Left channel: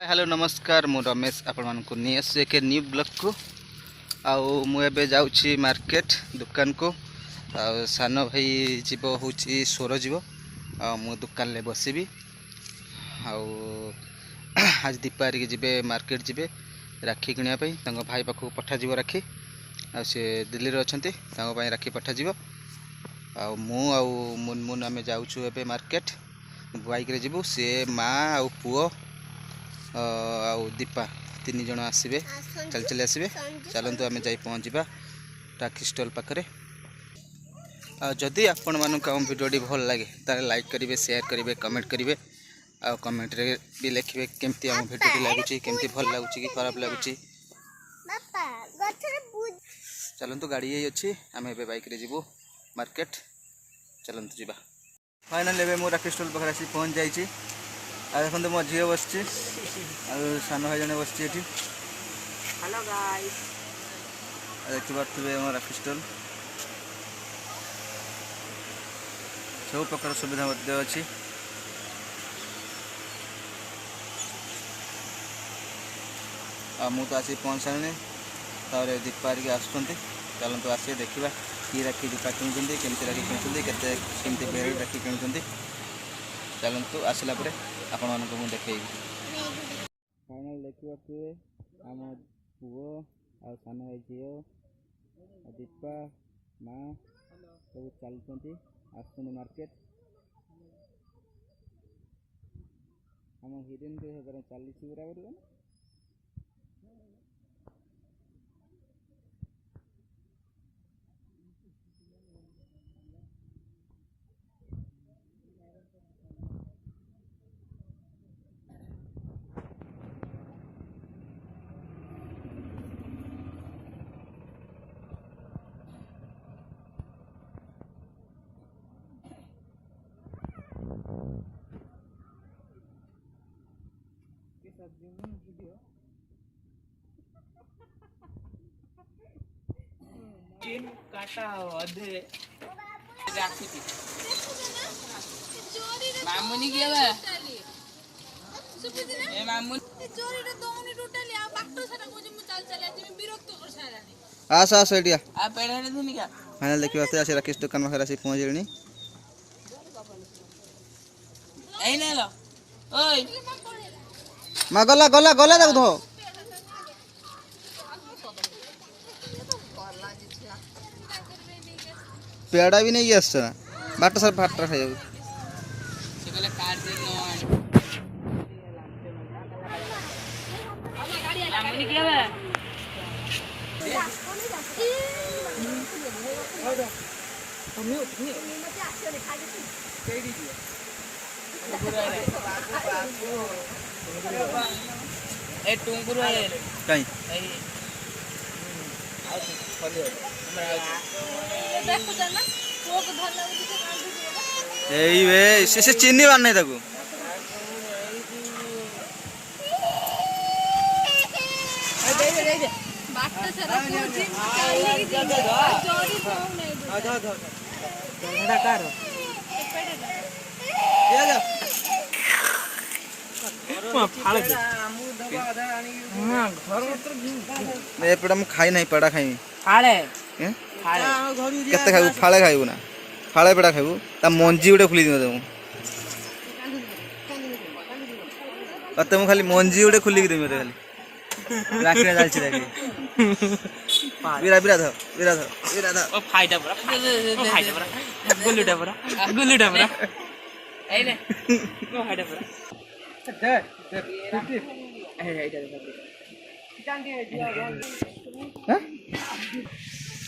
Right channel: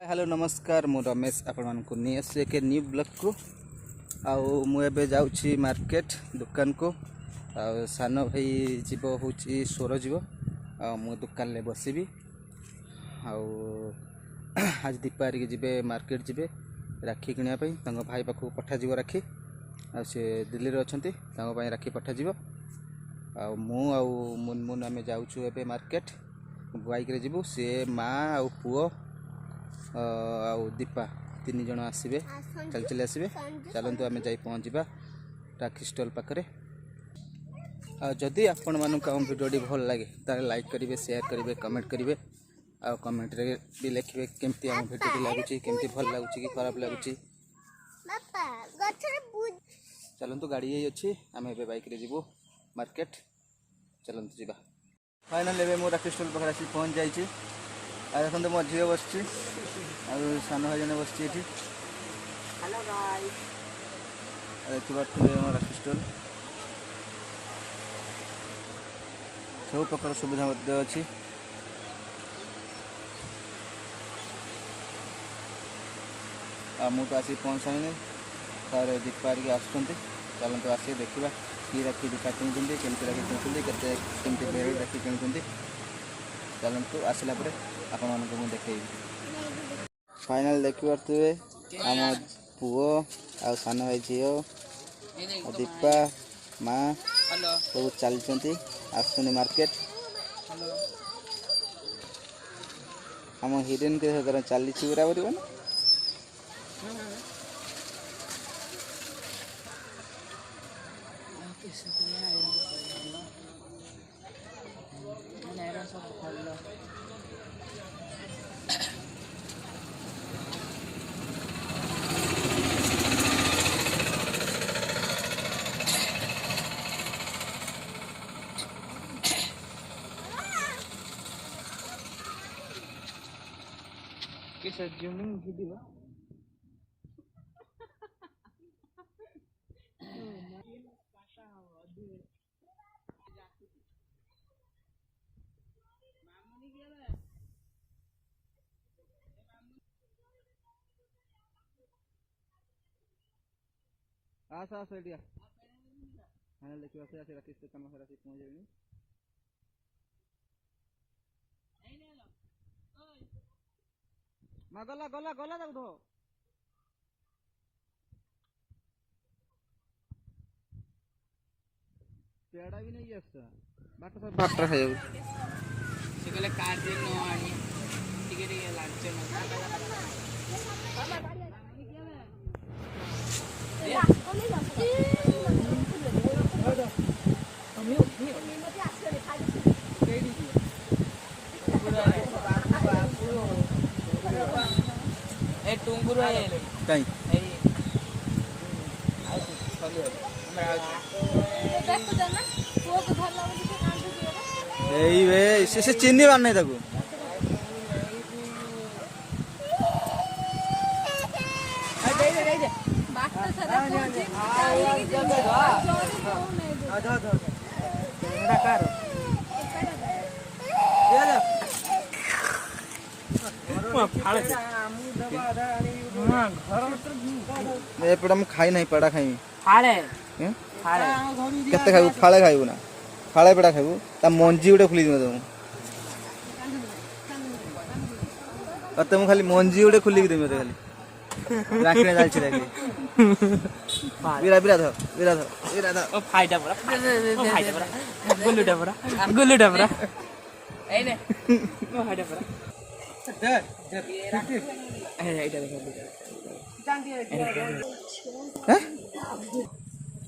Hello नमस्कार मु रमेश आपण मानक नहीं आस एक न्यू ब्लॉग को आउ मुझे जाऊँगी मार्केट दुकान को सान भाई जीव हूँ स्वर जीव मु दुकान ले बसबी आज दीपावली जीवे मार्केट जीवे राखी किनापी भाई पाखक पठाज राखी सी दिल्ली में अच्छा राखी पठाज मुनमुन आम जाऊँ ए मार्केट बाइक जीवु सी माँ आ पुओ दीपा तीन जन आसवे चल चल आसवे चलतु आम जा पहुँचा राखी स्टॉल पाखे जदि आपण मानक आम भिडियोटी भल लगे ताले लाइक करेंगे शेयर करेंगे कमेंट करेंगे आ कमेंट रे भी लिखे केमती आम भिडियोटी लगुच केमती भल लगुच कि खराब लगुच चलतु गाड़ी अच्छी आम ए बाइक रे जीवु मार्केट चलतु जीवा फाइनाल एवं मो राखी स्टॉल पाखे आसी पहुँच जाइए आ देखते मो झील बस सान भाई जन बस हेलो गाइस देखी पारे आम राखी स्टॉल सब प्रकार सुविधा अच्छी तो आसी पहुँच सारे तार दीपावली आसुँच चलते आस देखा कि राखी दीपा किणुंट केमती राखी किणुंट केमती बेर राखी किणुंट चलतु आसला आपण मानक मुझे देखेबी फाइनाल देखिपे आम पुओ आ सान भाई झील दीपा माँ सब चलती आसुनी मार्केट आम हिरोइन के चली बराबर किस जूमिंग वीडियो चिन काटा अधे राखी थी मामुनी के बे ए मामुनी चोरी रे दोनी टोटली आ बाक्टो सारा को जे मु चल चल आती मैं विरक्त कर सारानी आस आस एडिया आ पेड़े रे धुनी का फाइनल देखिए आसे राकेश दुकान में आसी पहुँच गई ए ले लो ओए माँ गला गला गला देख दो पेड़ा भी नहीं आस बाट सर भाटा खाई से कहले कार्ड दे नो आनी ठीक है लांचे मामुनी के बे ए टुंगुर है कहीं से चिन्नी बार नहीं ताकू एपटा मु खाई नहीं पेड़ा खाई फाळे केते खाइबू फाळे खाइबू ना फाळे पेड़ा खाइबू ता मंजी उडे खुली दे मते मु खाली मंजी उडे खुली दे मते खाली राखी में जालछि राखी विरा ध ओ फाइटा परा गुल्लुटा परा ए ले ओ फाइटा परा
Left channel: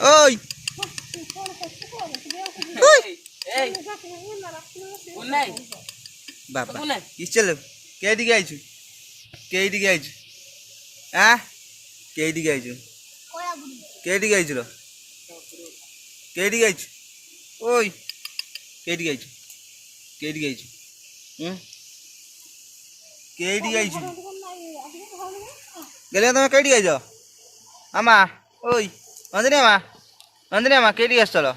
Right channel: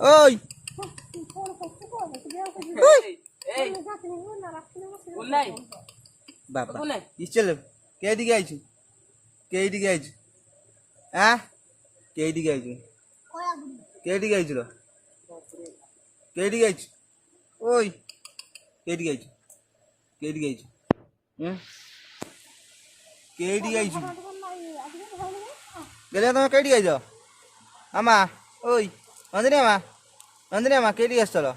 ओय बाबा कि चल के दिखे आइछु आ के दिखे आइछु लो के दिखे आइछु ओय के दिखे आइछु केडी आइछु गेले तुम केडी आइछ आमा ओय नंदिनी आमा केडी आस चलो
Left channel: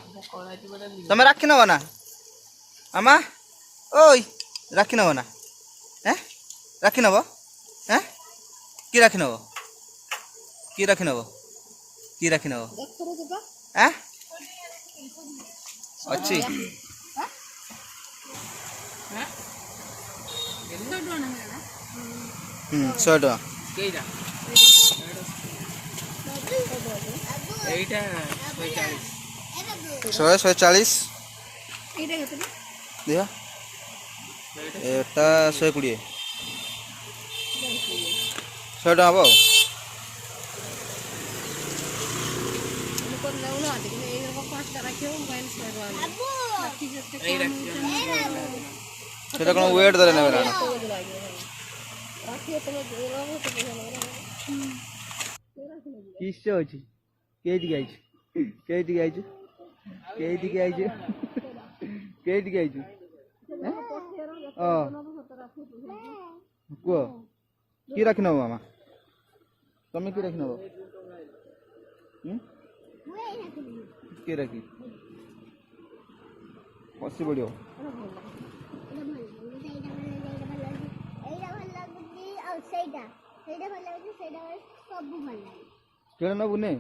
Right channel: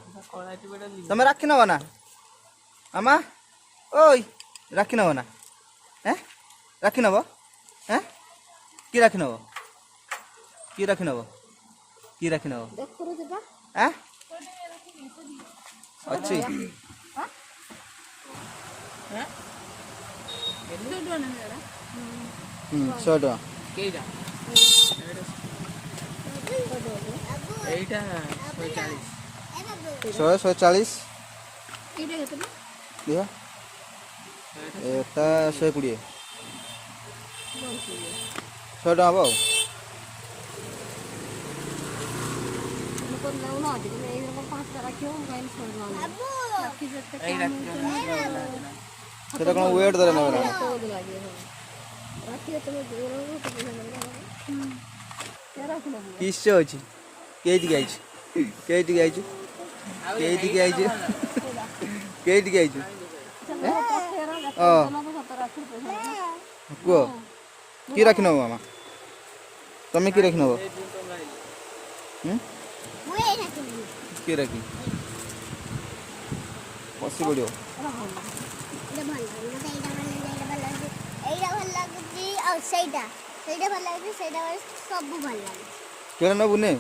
तुम राखी नब ना आमा ओय राखी नब ना राखी नब হ্যাঁ কি রাখি নেব কি রাখি নেব কি রাখি নেব হ্যাঁ ଅଛି ହୁଁ 100 ଟଙ୍କା କେଇଟା ଏଇଟା 140 ଦିଅ ଏଟା 120 100 ଟଙ୍କା ହବ ଆଉ সেটা কোনো ওয়েট ধরে নেবে না কিসে ଅଛି କେଇଠିକି ଆଇଛୁ କେଇଠିକି ଆଇଛୁ କେଇଠିକି ଆଇଛୁ କେଇଠିକି ଆଇଛୁ କୁହ କି ରାଖି ନେବ ମାମା ତମେ କି ରାଖି ନେବ କି ରାଖି ବସି ପଡ଼ିବ କେବେ ନେବୁ ନେ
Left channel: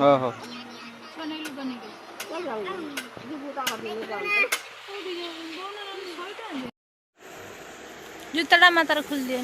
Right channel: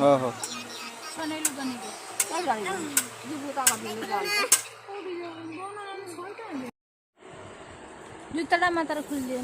ହଁ ହଁ जूताटा मातार खोल दिए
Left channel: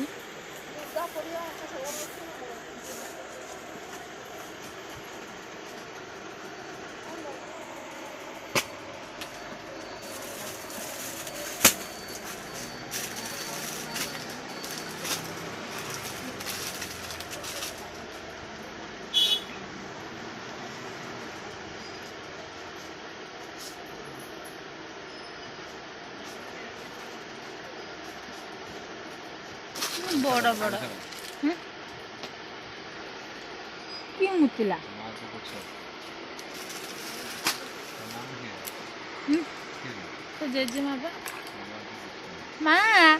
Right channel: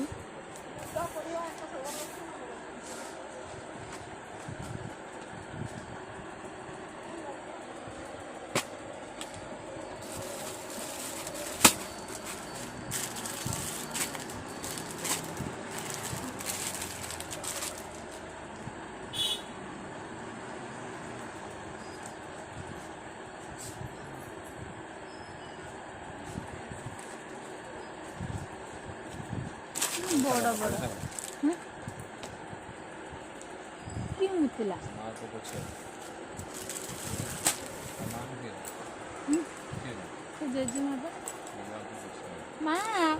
बड़ बड़ कि मुतिला तो जेजेमा बा माँ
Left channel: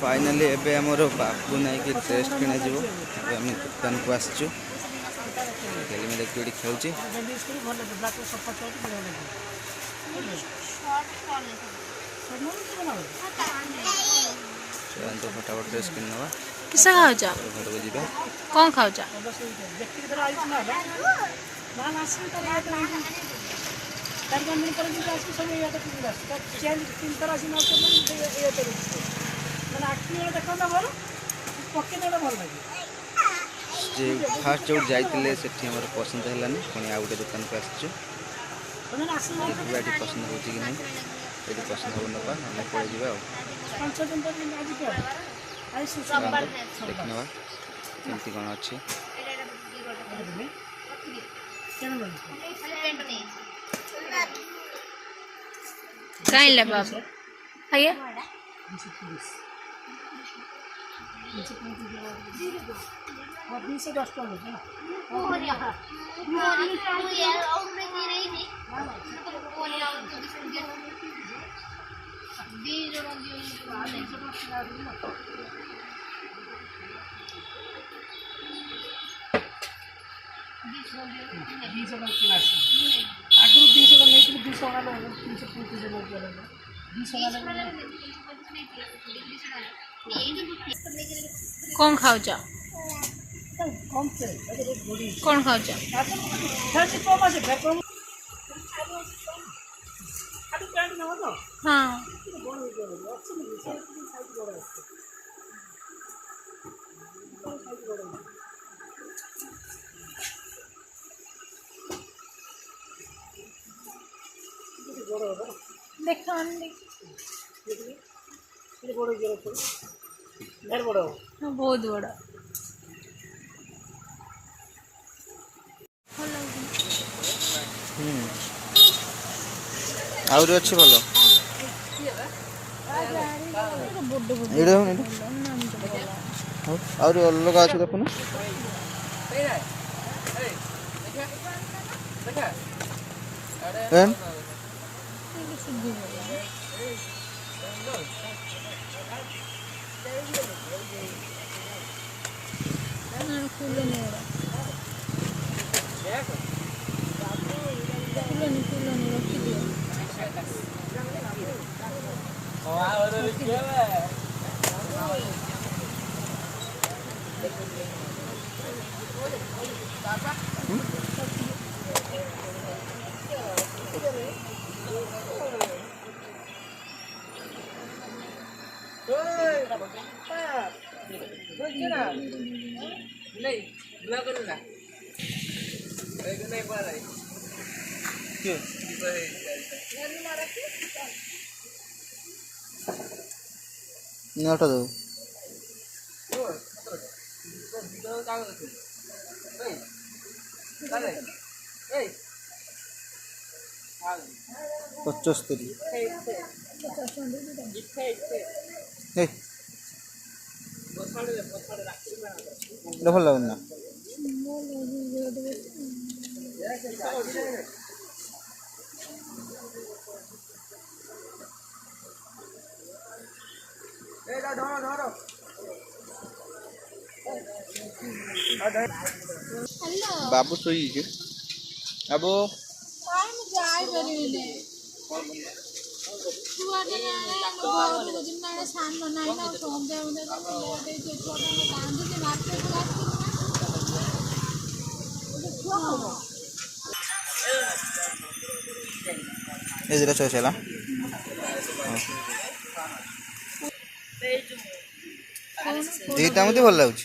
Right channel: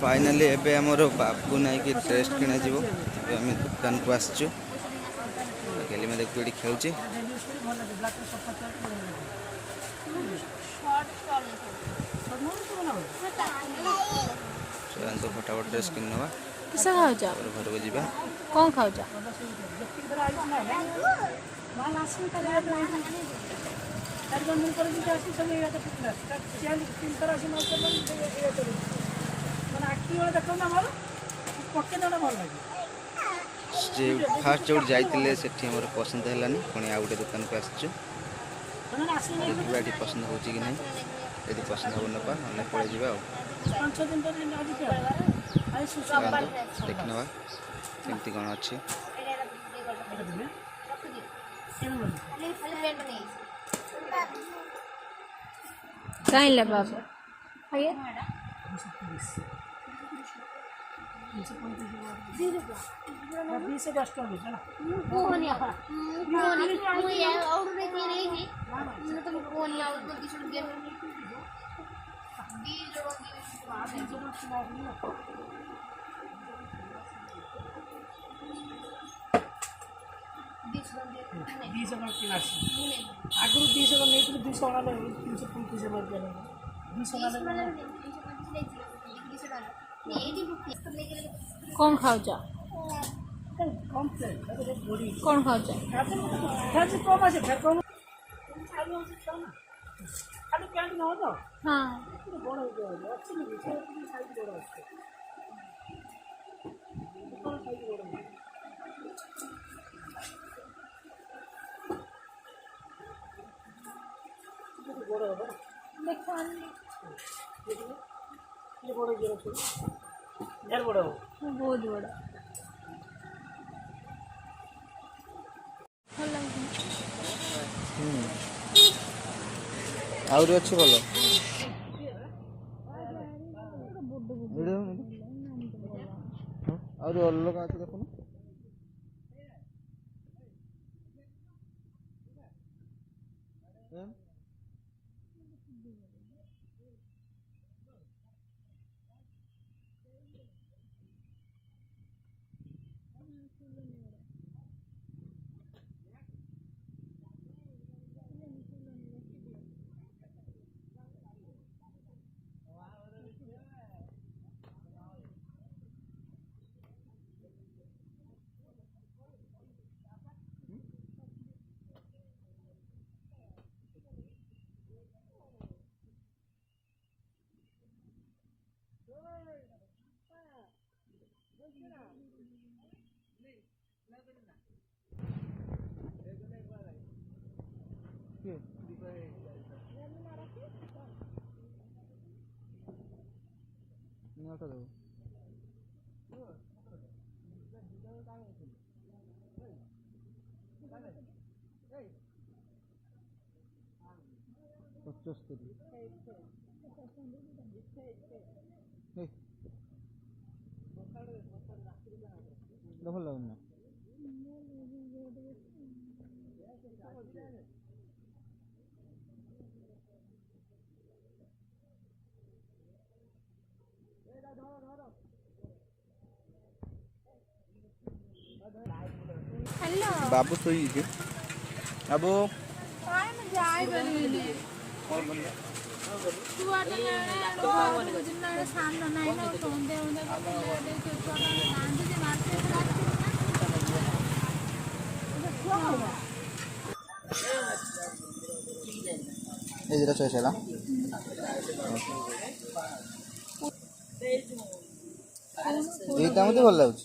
फाइनाली एबे हमर बाबू नाई की ड्रेस किना जीवो एबे हम दुकान को आसचु गेली में देख जोड़ी खेलुची चल तो फटाफट ड्रेस किन नवा किसा खाओ जा घर को जीवा कौन खाओ जा फास्ट जो जाइए से पसंद है पुणी आउ गए दुकान को आसचु देखा ये पसंद हो कि नहीं ये पसंद हो नपा ना पड़े जावा देख नवा केमती कौन अच्छी कहीं ले बाबू आइए आगुरी 200 नहीं 200 कौन खाओ जा कौन खाओ जा हाँ देखा बहुत बड़ा ଆହୁରି ଅଛି ଭଲ ଏଇଟା ଆହୁରି ଅଲଗା ଅଛି ଦେଖୁନ ଏନ୍ ନଅଟା ଦେବୁ ପଚସ୍ତରୀ ଏଇଟା ଭଲ ଲାଗୁନି ନା ହ୍ୟାଲୋ ବାବୁ ଶୋଇଛି ବାବୁ କାଇଁ ମୁଁ ଯାଇପାରିବିନି ଛୁଆଟା ଘରକୁ ଯିବି ନା ସାନ ନାହିଁ ନା ସନ୍ଧ୍ୟା ଛୁଆଟା କାନ୍ଦୁଛି ମାର୍କେଟକୁ ଏ ଦୁଇଟା ଚଏସ୍ ହେଲା ଦୁଇଟା ମୋତେ ଭଲ ଲାଗୁଛି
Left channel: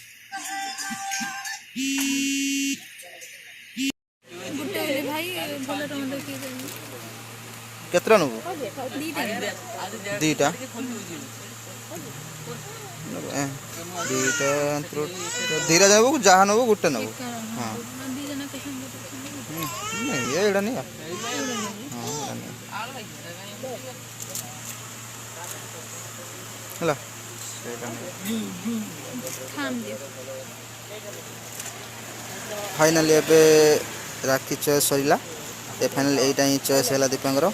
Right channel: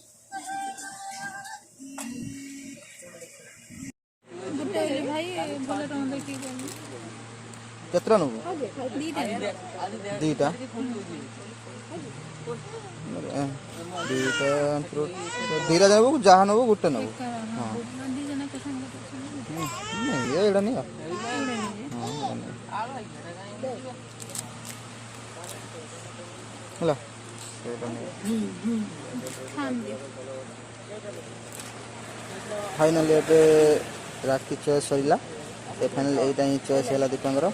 ଗୋଟେ ବୋଲି ଭାଇ ଭଲ ଟଙ୍କା ଦେଖିକି କେତେଟା ନେବୁ ଦୁଇଟା ଦୁଇଟା ଦୁଇଟା ନେବୁ ଯାହା ନେବୁ ଗୋଟେ ନେବୁ ହଁ ଏଇଟା ନିଅ ହଁ ଏଇଟା ନିଅ ହେଲା ସେଇଟା ନିଅ फाइनाली एबे राखी choice सरिला A final Etah he choice हैला दीपांकर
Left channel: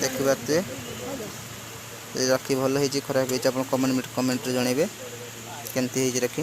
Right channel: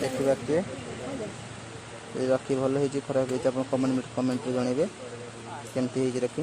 देखि बात राखी भल है खराब है कमेंट रे जनइबे केमती है राखी।